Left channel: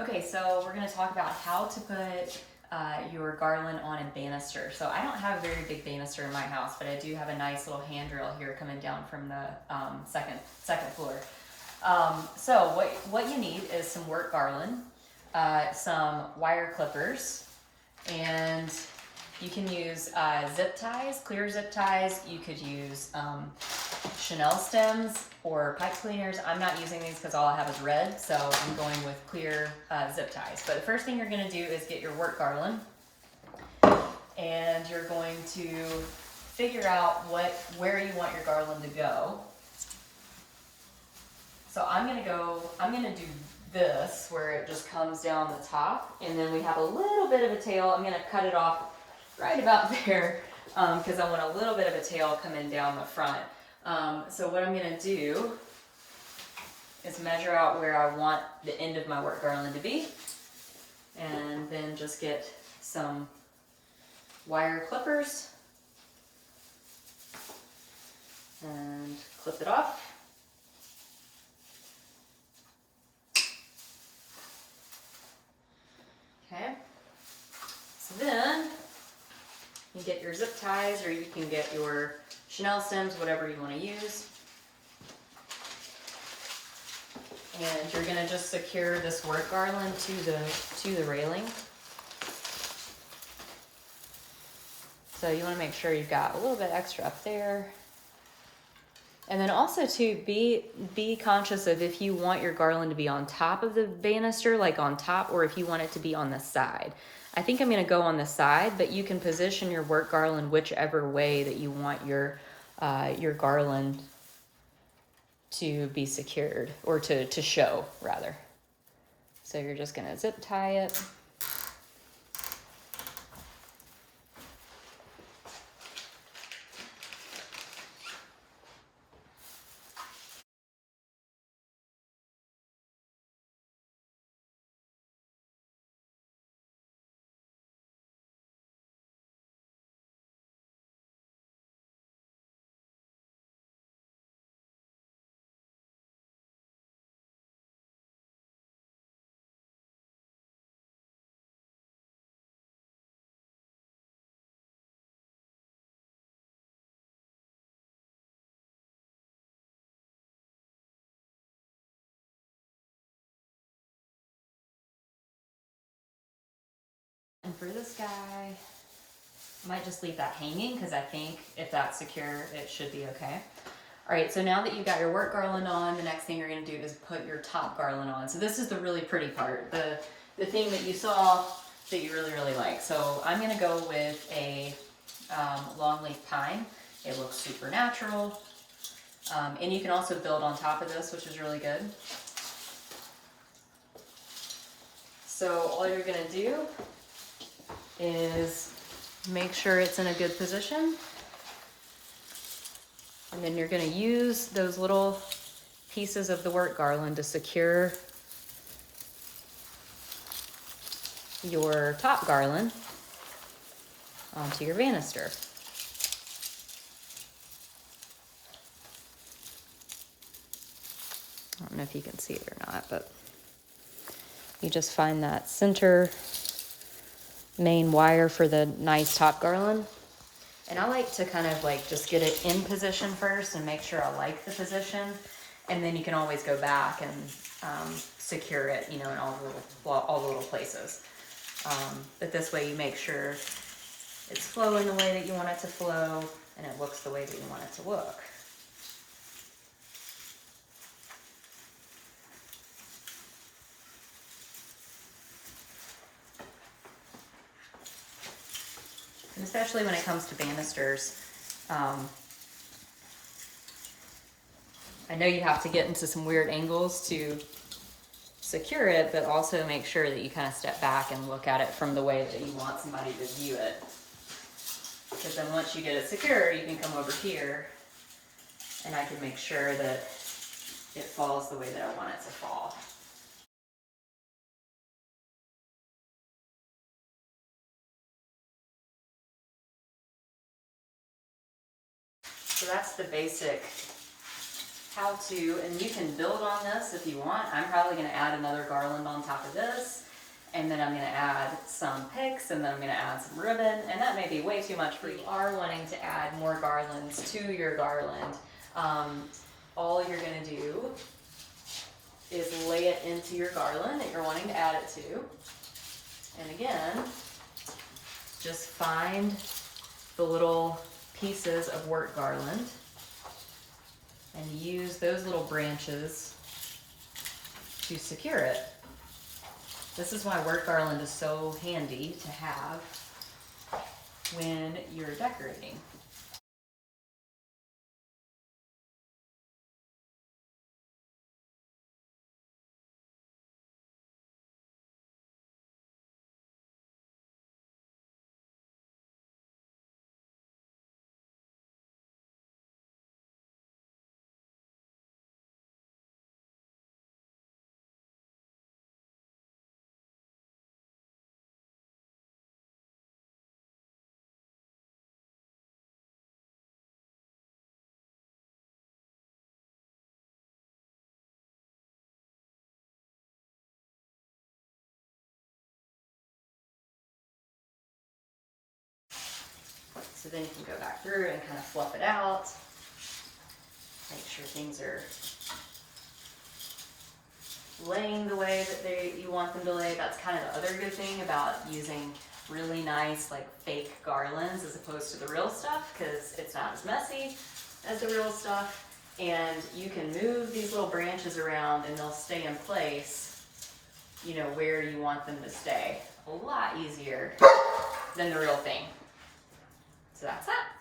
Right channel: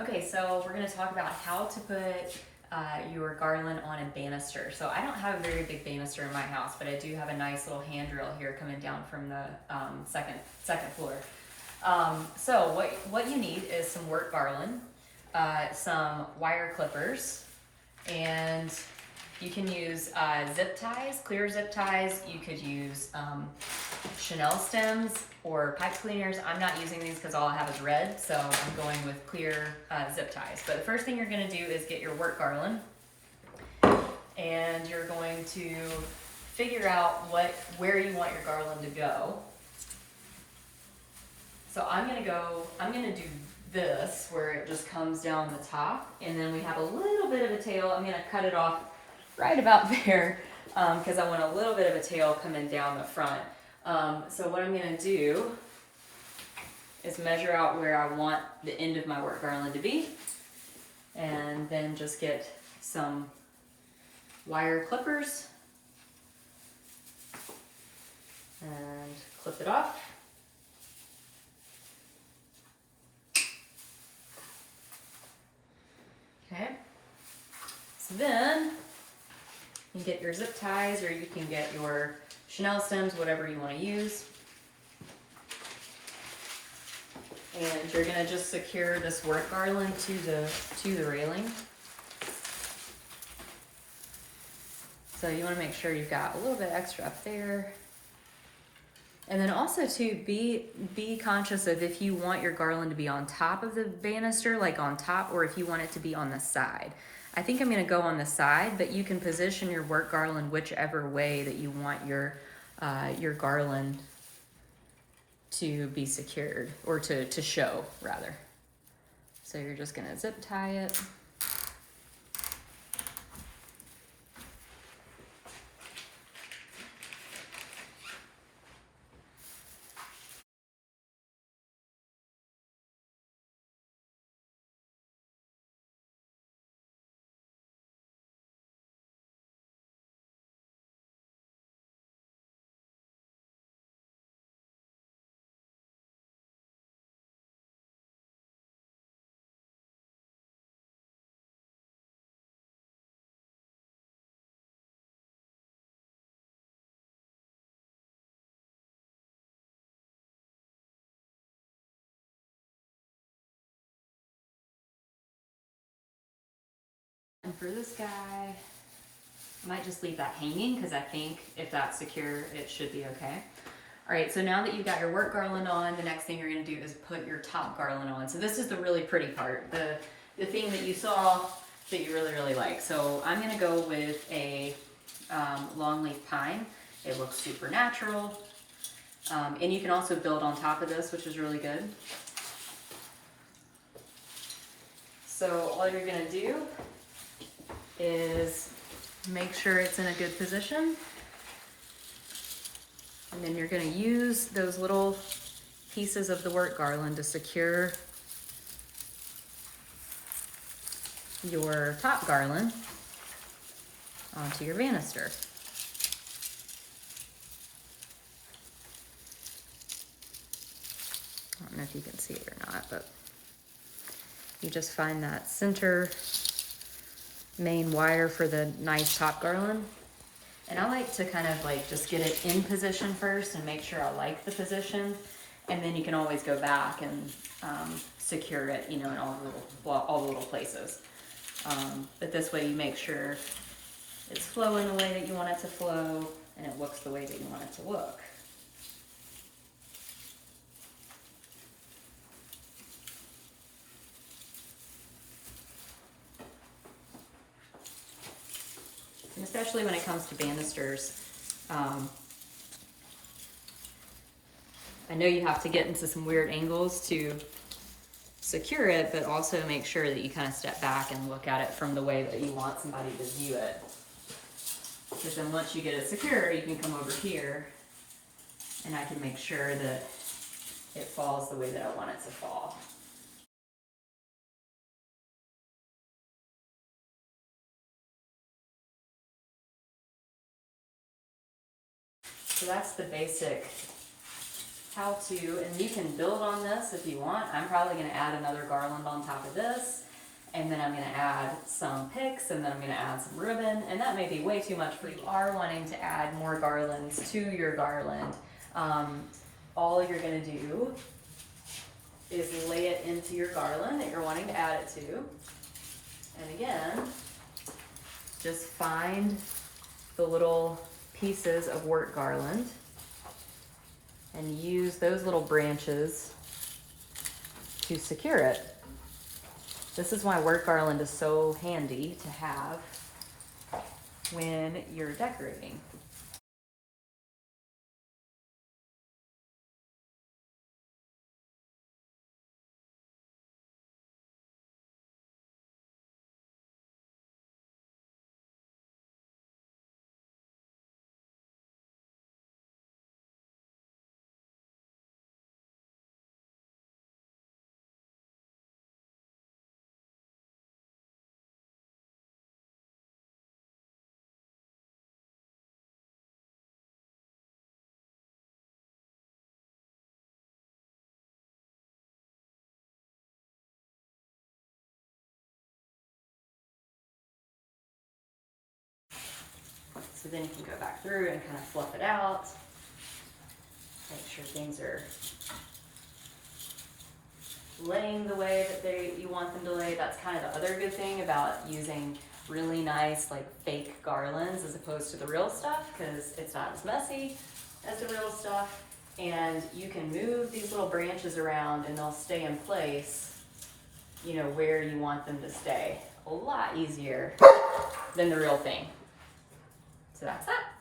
Okay, so we're going to talk about how to put your garland on a banister. So I don't have a very big banister in my house, but I do have a nice little handrail here coming down from the second floor. So what you need is some work garland, some wire clippers, and you can use zip ties, clear zip ties. You could use Chanel stems or pipe cleaners. I'm not using these because all I have is red, so I'm going with clear zip ties. But the first thing you're going to do is get your work garland, and you're going to figure out where you want your garland to go. So I'm going to do this where it just comes down the top, and then we have a little bit of a tail. I'm going to cut it off right about there because I want a little bit of a tail coming down the front. So what I'm going to do is measure out where I want the end of my work garland to be, and then just get some wire clippers and clip it off. Okay, so then you can get your zip ties, or you can get your Chanel stems, whatever you want to use. And you're going to just secure this work garland to the railing. So you want to make sure you've got a little bit extra up there. And then also to be conscious of if you want your garland to be on top of the banister, like on top, or if you want it to be on the side. I think I'm going to go on the side, but you can position your work garland whichever way that you want your garland to be secured, or to show rather. So you're just going to zip tie it. And for this guy, I might just leave that hanging because I think if that's secure, it should be okay. All right, so now that you've got your work garland on, the next thing you're going to do is put your top garland on. So this is the really pretty part, the thing that you saw that you really, really like. So I'm going to go with a longleaf pine. It looks super natural. And you can also build on top of this, which is really good. So all you're going to do is make sure it's in a good position. And then you're going to use those little pieces of the work garland to secure your top garland onto your banister. I don't know if you can see it or not, but you just find that center main wire for the nice top garland. And I like to kind of like just get it in position first and make sure I like the position, and then you can always go back and secure it, you know, in all the little places. But this way you make sure it's flowing the way that you want it to flow, and it looks the way that you want it to look. And especially when it comes to banisters, I know you have to get into some weird angles to secure it, but also make sure that you kind of step back and look at it from the way that you want somebody to view it. Because then once you get it secure, you can come over here and I can make sure that it falls the way that I want it to fall. So that's the basic how to, and you can build on this if you want. I'm probably going to add another garland on top of this, and then I'm going to add some picks, and then I'm going to add some ribbon, and that may be way too much for you. If you are wanting to add more garlands to your garland, all you're going to do is lay it into your garland that you're wanting to add it to. And again, just find the little pieces of work garland and use those little branches to secure it. This is why work garland is so handy to have when you're decorating. So then you can go back through and kind of fluff it out. Make sure things are laying the way that you want them to lay. That's kind of the other good thing about using really nice like fake garlands as opposed to the real stuff, because it's not as messy as the real stuff. And you can move these little branches around and they'll stay in place, you know, where you want them to stay. A lot easier than the real thing. So that's that.